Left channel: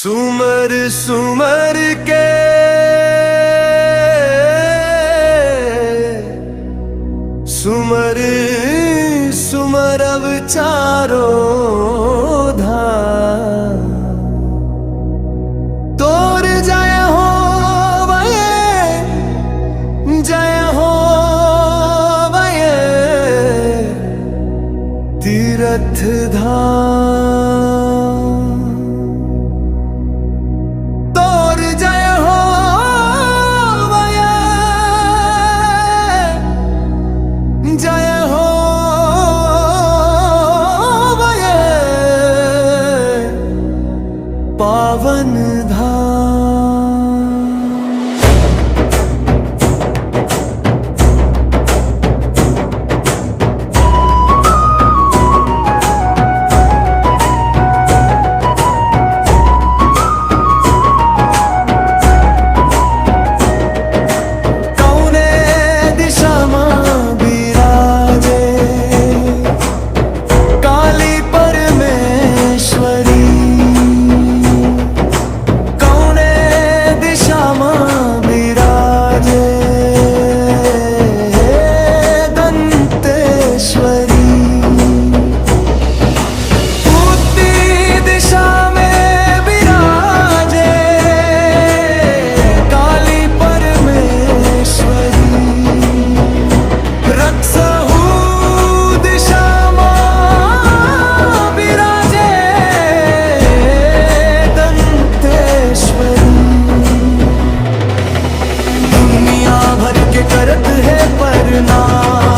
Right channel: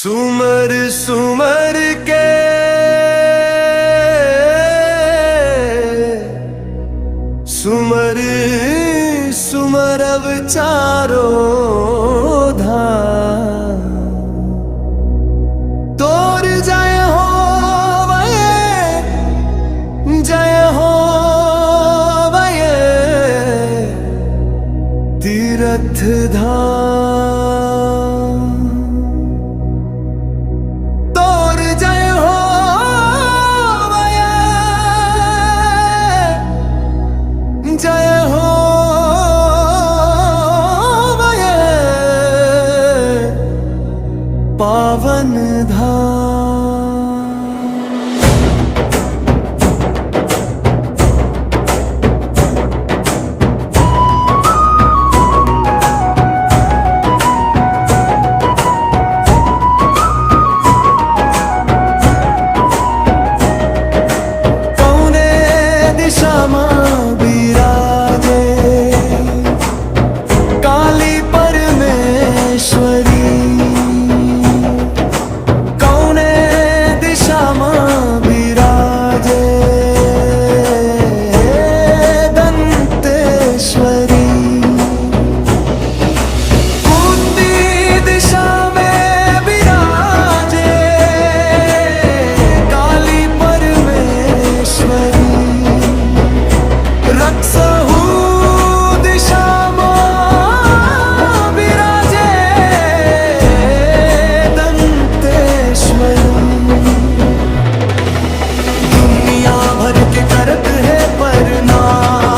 सुमर सुमर के सुमर सुमर अब चारों धाम तोर जय हो वये जय हो वये तीरथ धाम तोर जय हो वये जय हो वये पावन धाम। कौने दिशा में बिराजे काली परमेश्वरी, कौने दिशा में बिराजे दंतेश्वरी, बुद्धि दिशा में बिराजे काली परमेश्वरी, रक्षहु दिशा में विराजे दंतेश्वरी। दुनिया भर के करत है प्रणाम,